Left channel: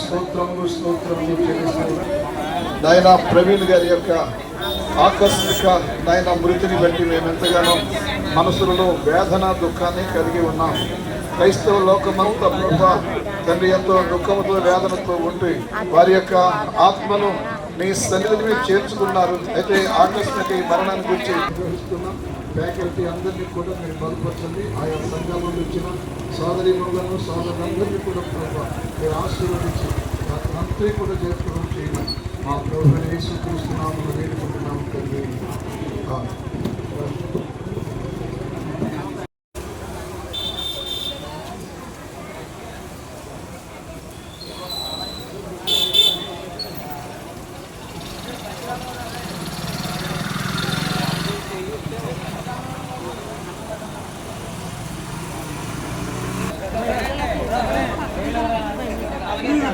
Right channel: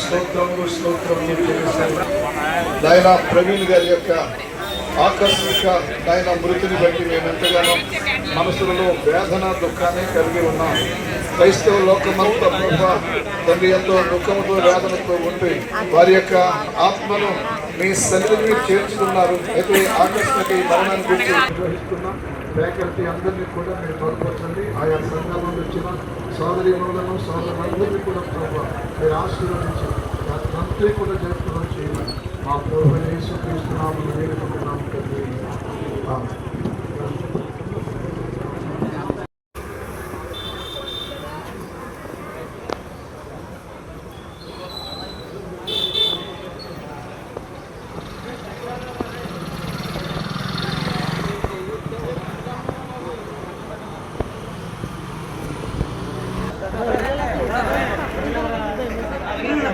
స్తోత్రములు స్తోత్రములు చెల్లిస్తున్నాను నాయన ప్రవీణ్ గారి యొక్క ఆకస్మిక నాయన మృతిని బట్టి మేము ఎంతగానో మనసులలో వేదన దుఃఖాన్ని కలిగి ఉన్నాం క్రైస్తవ లోకమంతా ప్రభా తండ్రి ఎంతో దుఃఖంతో వేదనతో ఉండి వారి యొక్క ఆత్మను మీ సన్నిధిని చేర్చుకున్నారు అయితే ఆకస్మిక ఈ మరణాన్ని గురించి నిర్వహిస్తున్నాం ఫ్యాకల్టీ అందరినీ కూడా మీరు బలపరచండి ఆయా సంఘాల నుండి వచ్చిన సోదరి మనులను సోదరులందరినీ కూడా ప్రభావ మీరు ఆశీర్వదించి వాటినంతా కూడా చేసుకోవడం చేయాలి మా ప్రభుత్వ యేసు తీసుకున్నాము వేడుకుంటున్నాము తండ్రి.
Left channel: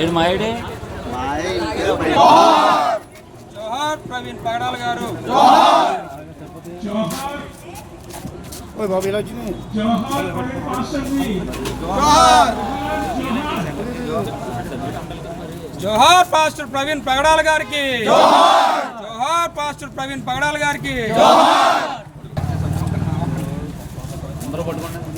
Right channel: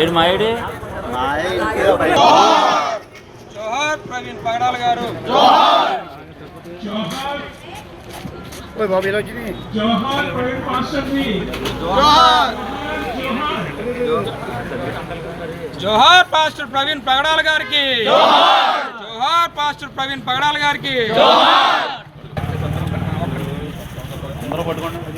ఏడు మాయుడే జోహార్ ప్రవీణ్ పగడాల గారు. జోహార్ ప్రవీణ్ మాస్టర్ జీ జోహార్ పాస్టర్ ప్రవీణ్ పగడాల గారికి. జోహార్ పాస్టర్ ప్రవీణ్ పగడాల గారికి. వెనకాల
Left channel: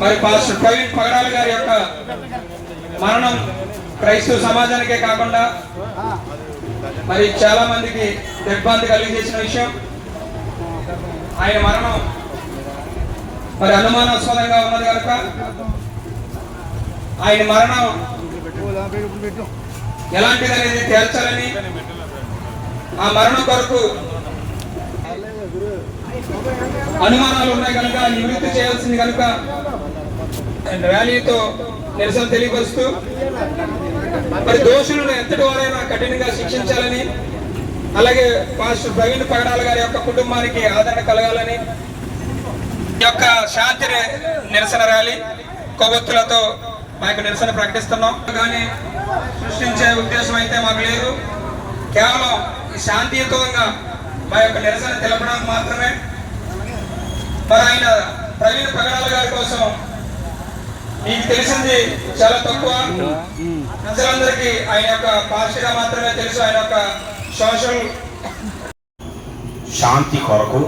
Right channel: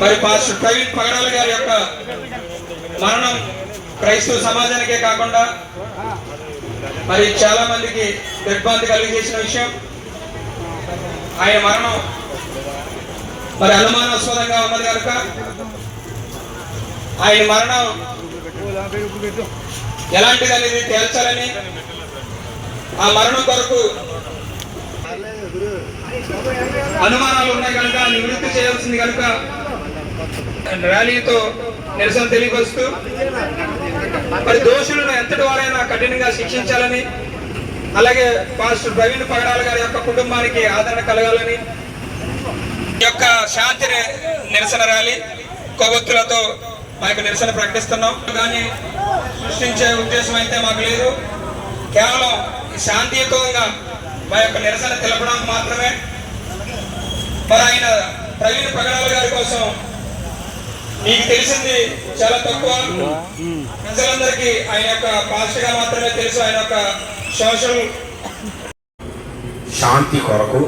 మరి పాస్టర్ ప్రవీణ్ పగడాల గారి యొక్క మరణం క్రైస్తవ సమాజానికే కాకుండా మరి చాలా మందికి దిగ్భ్రాంతి కలిగజేసిన విషయం. ఆయన మరణం మరి అనుమానాస్పదంగా ఉన్నది కనుక ఆయన మరణం ఎలాంటిది అనేది తేల్చాలని ఆ మరణం కొరకు అనుమానాలు ఉన్నాయి కనుక నివృత్తి చేయాల్సింది కనుక ర్యాలీతో నిరసన తెలియపరుస్తూ మరి దోషులను ఎంతటి వారైనా కఠినంగా శిక్షించాలని అలాగే పాస్టర్ ప్రవీణ్ పగడాల గారి యొక్క కుటుంబానికి ఆదరణ కలగాలని ఈ యొక్క శాంతి నిరసన ర్యాలీ కొవ్వొత్తులతో మా యొక్క నిరసన ప్రకటిస్తున్నాం. కానీ సృష్టించే ఉద్దేశం అయితే మాకు లేదు. కేవలం శాంతియుతంగా మా యొక్క నిరసన తెలపడానికి మాత్రమే మరి ఆయన ప్రవీణ్ పగడాల గారి కోసం మీకు తెలిసింది చాలా తక్కువ. ప్రజలందరికీ ఆయన యొక్క పాస్టర్గా మాత్రమే తెలుసు ఆయన యొక్క సోషల్ శాంతి కొరకు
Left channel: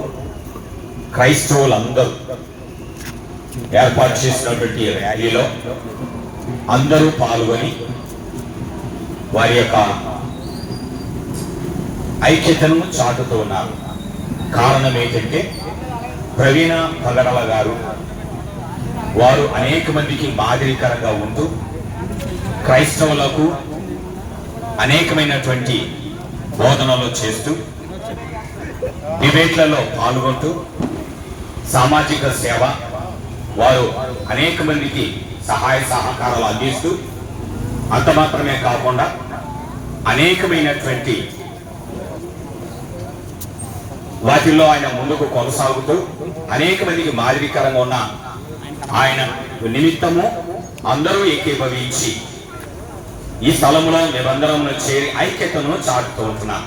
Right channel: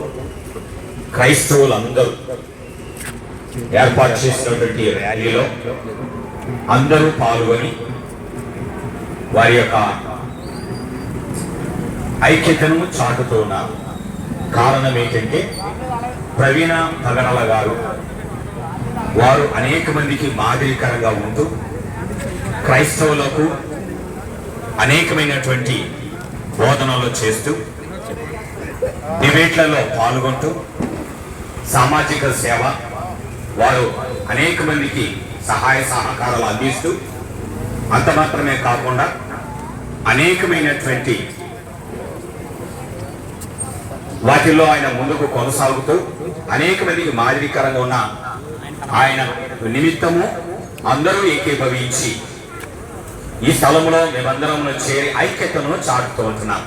క్రైస్తవులందరూ ఏర్పాటు చేసినటువంటి ర్యాలీలో అందరూ పాల్గొని వారి యొక్క ఐక్యతను చాటుతూ ఉన్నారు. కారణం ఏంటంటే ప్రవీణ పగడల గారు. వారు అనేక మందికి మాదిరికరంగా ఉంటూ క్రైస్తవులకు అనేకమైనటువంటి బోధనలు చేస్తూ డిబేట్లలో పాల్గొంటూ సామాజిక సేవ వారు అనేక మందికి సహాయ సహకారాలు అందిస్తూ అంత మాత్రమే కాకుండా అనేకమైనటువంటి వాటిల్లో ఆయన ముందుకు కొనసాగుతూ అనేక మందికి మాదిరికరంగా ఉన్న ఆయన నిమిత్తము అందరూ ఏకీభవించి ఈ స్థలంలో మేమందరంలో చేరి ఐక్యతను చాటుతూ ఉంటున్నాం.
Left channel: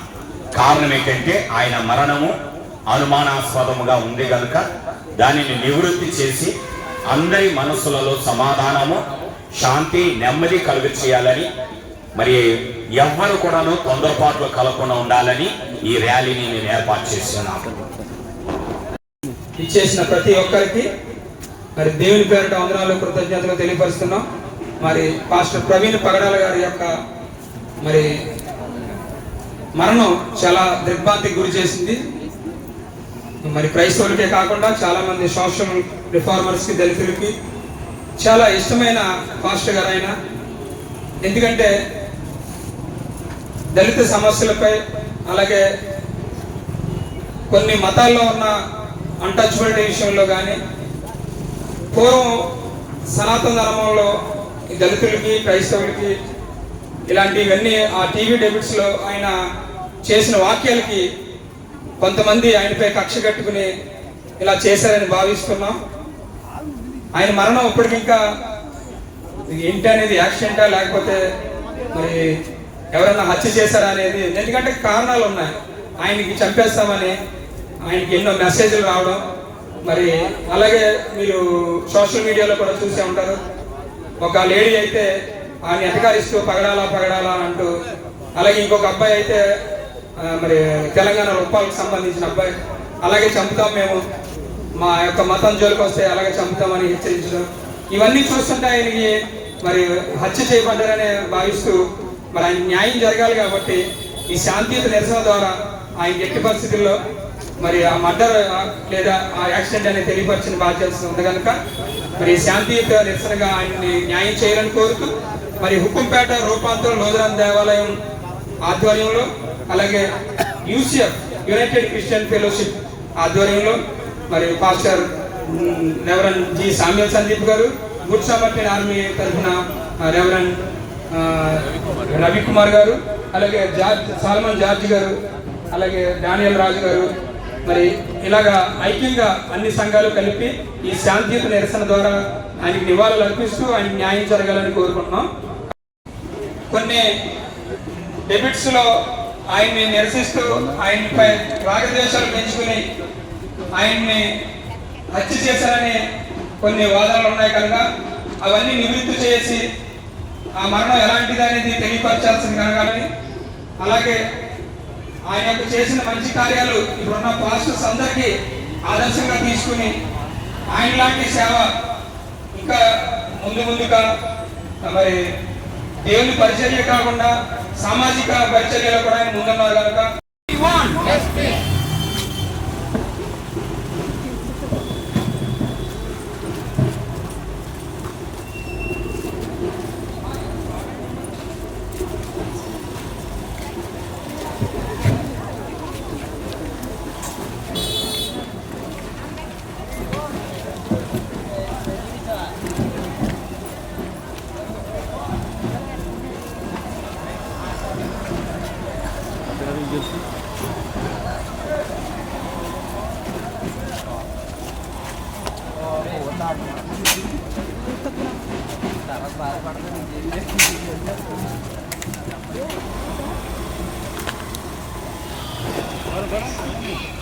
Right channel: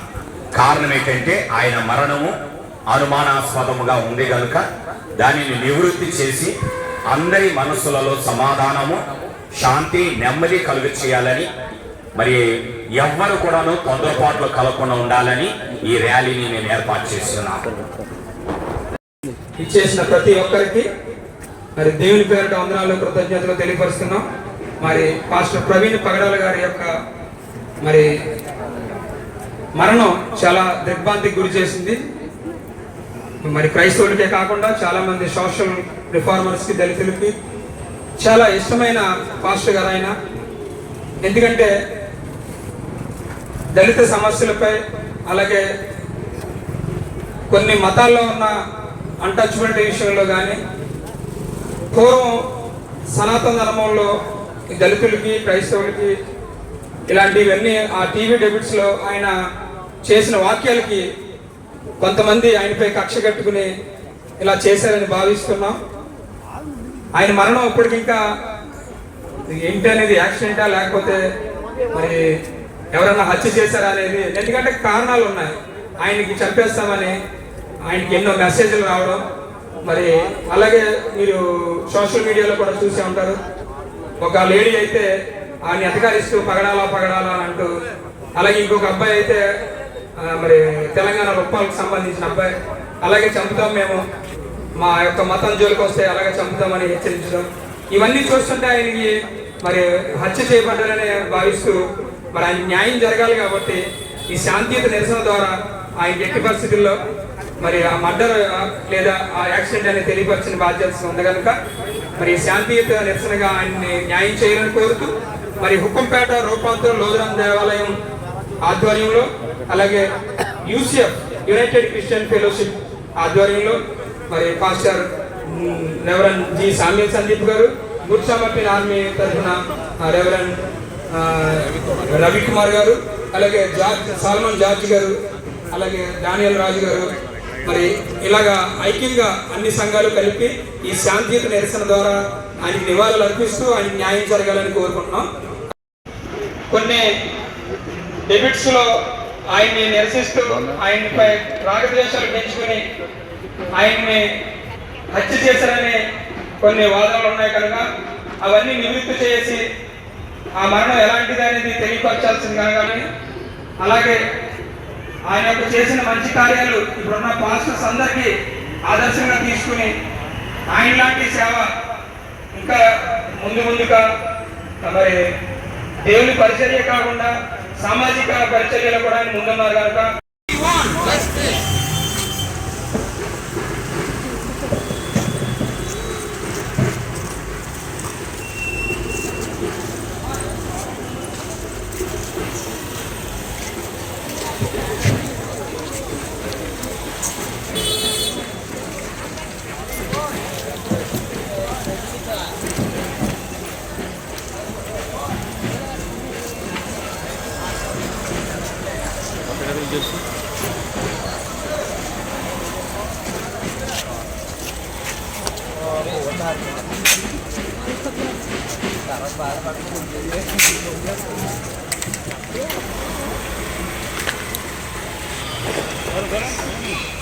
కారణం ఏంటంటే ఆయన మరణము అనుమానాస్పదముగా ఉంది కనుక దానిని నివృత్తి చేసి అందరి మనసులలో సమాధానము శాంతి నెమ్మది కలుగు చేయాలని మరి ఎవ్వరు కూడాను తొందరపాట్లు కలగకుండా ఉండాలని ఈ ర్యాలీని నేను ఏర్పాటు చేస్తున్నాను. ఇచ్చేసిన ప్రతి ఒక్కరికి మరి దేవుని పేరిట వందనాలు కృతజ్ఞతలు తెలియపరుస్తున్నాం. మరి పాస్టర్ ప్రవీణ్ పగడాల గారి యొక్క మరి మరణం చాలా దిగ్భ్రాంతికి గురి చేసింది. మరి క్రైస్తవులకే కాకుండా చాలా మంది సోషల్ రిఫార్మర్స్కి దళితులకి చాలా ఇష్టమైన పాస్టర్ గారు ఆయన. ఎందుకంటే దళిత సమస్యలపై అలాగే కొన్ని మతాల్లో ఉన్న అన్టచబిలిటీ విషయంలో కానీ పూర్వం సనాతన ధర్మంలో దళితులకి క్రైస్తవులకి ఇలాంటివన్నీ ఆ టీవీ డెబిట్స్లో ఆయన చేసిన వాక్యాలకి కొంతమంది ఆయనపై కక్ష కట్టుకుని ఇలా చేశారని భావిస్తున్నాం. ఆయన మరణం ఇప్పటికింకా ఏంటి అనేది యాక్సిడెంటా లేకపోతే మరి ఎవరైనా హత్య చేశారా అనేది ఎందుకంటే కారణాలు ఉన్నాయి ఆయనకి చంపేస్తామని ఆయనకి ఎన్నో మెసేజ్లు రావడం. మరి అలాగే మీరు సోషల్ మీడియాలో కూడా చూసే ఉంటారు. ఒక లేడీ అయితే ఆయన ఎటకారిస్తూ పగడాలా పగడాలా అంటూ అలాగే ఇంకొక అబ్బాయి అయితే మరి తెలంగాణ ఉప్పాలకు సంబంధించిన అబ్బాయి అలాగే చంపుతాం మేము. మా యొక్క మతం జోలికి వస్తే అలాగే చంపుతామని హెచ్చరించడం. ఇవన్నీ చూస్తుంటే ఆయనకి మరి హత్య చేయబడ్డారని భావిస్తూ మరి ఆయన న్యాయం జరగాలి కాబట్టి ఈ శాంతియుత నిరసన ద్వారా ఆయన ఎట్టి పరిస్థితుల్లో మరి ఆ మర్డర్ లేదా ఆ యాక్సిడెంట్ అనేది తెలియపరిచిన బాధ్యత ఉంది కనుక మరి శాంతియుత నిరసనగా ఆయన్ని న్యాయం చేయాలని కోరుతూ మరి హుకుంపేట రూపాంతరం లోదరం దేవాలయం ఆధ్వర్యంలో అలాగే యూసిఎఫ్ యునైటెడ్ క్రిస్టియన్ ఫెలోషిప్ ఆధ్వర్యంలో మరి pastor reverend G Samuel Sandeep garu good సమర్పిన్ army తరఫున రెవరన్ రవికుమార్ గారు అలాగే జార్జ్ సాల్మన్ జార్జ్ గారు అలాగే డానియల్ రాజు గారు మరి ఇలాగా ఐక్యంగా అన్ని సంఘాలు కలిపి ఈ శాంతియుత నిరసన ద్వారా ఆయనకి నివాళులు అర్పిస్తూ ఆయనకి న్యాయం జరగాలని కోరుకుంటున్నాం. కొన్ని డెబిట్స్లో ఆయన్ని నిరసిస్తూ ఆయనపై రాగద్వేషాలు పెంచుకుని ఆయన్ని హత్య చేశారనే కొన్ని వాదనలు ఉన్నాయి కనుక అవన్నీ నివృత్తి చేసి ఆ మరణం ఎలాంటిది అనేది తెలియపరచాల్సింది కానీ అలాగే ఆయన యొక్క చేసిన మంచి కార్యాలు ఇప్పుడున్న పాస్టర్స్ అందరికీ ఆదర్శంగా తీసుకుని ఆయన లాంటి సేవ ఇంకా ముందు ముందుగా మరి దేవుని పరిచర్య కాకుండా సామాజిక పరిచర్యలో కూడా ఆయన ముందున్నారు కనుక. Bora, bora.